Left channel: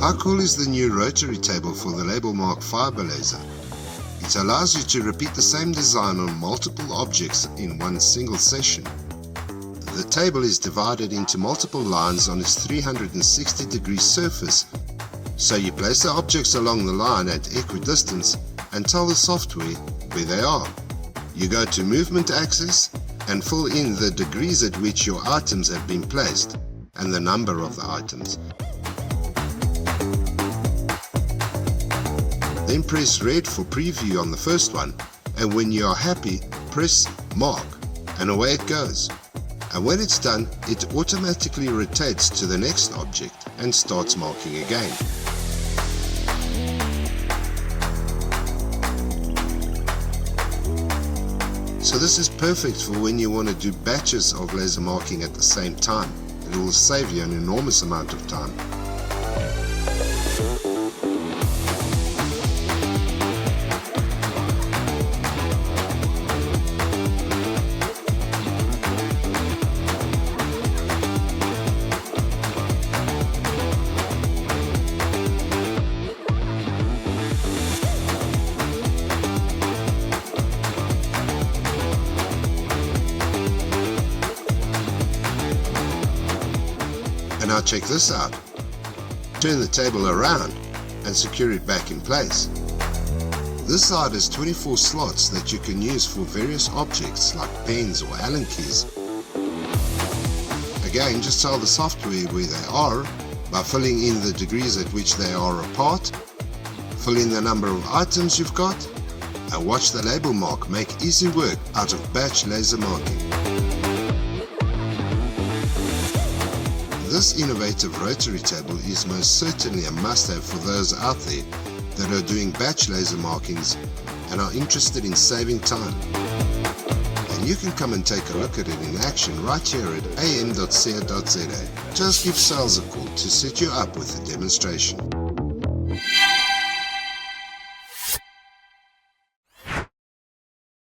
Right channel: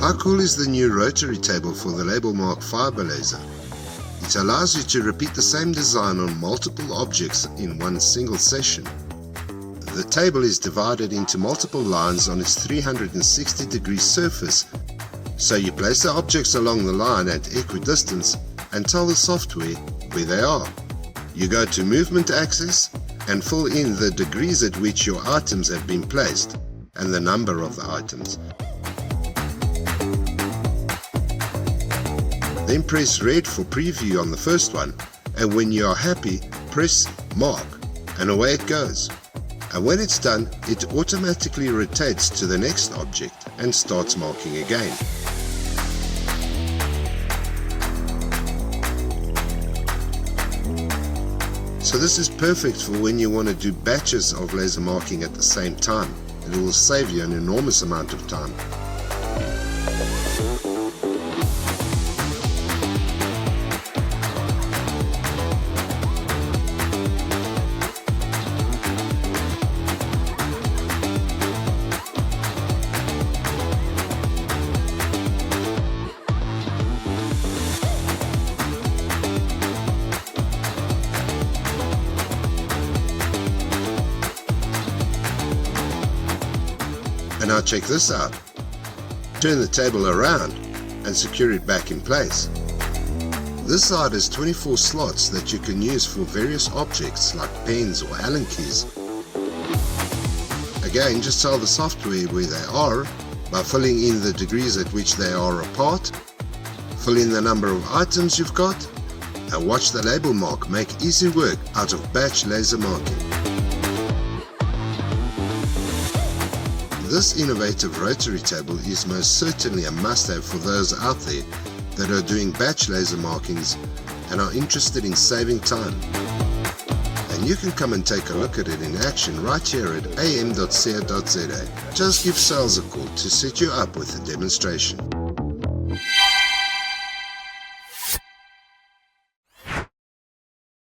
How cool is the new Rotary Table for the LabelMark Fibre Laser? It allows you to repeat the same design on multiple objects in one single session. The table is divided into multiple lines on its 360-degree surface, so you place the objects along the line at equidistance and tell the software where they are. You go to Movement Axis and fill in the degrees at which your items have been placed and the number of the items. Then press red for preview on the first one, and when you are happy, press mark, and away it goes. And when it's done, it automatically rotates to the next object and starts marking again. So this is perfect for when you want to do batches of laser marking at the same time. It will save you an enormous amount of time. And now check this out. Turn the table around and secure it back in place. This side has 24 slots that you can use for various objects like pens or Allen keys. Again, just tell the software where they are by filling in the degrees at which they are apart, fill in the number of items you've got, and watch the LabelMark make easy work out of batch laser marking. This innovative rotary table is most certainly a must-have for those out there that are doing batch laser markings and are interested in saving time. And you can come and take a look at it in action right here at AM.CO.za. Just give sales a call to set you up with a demonstration.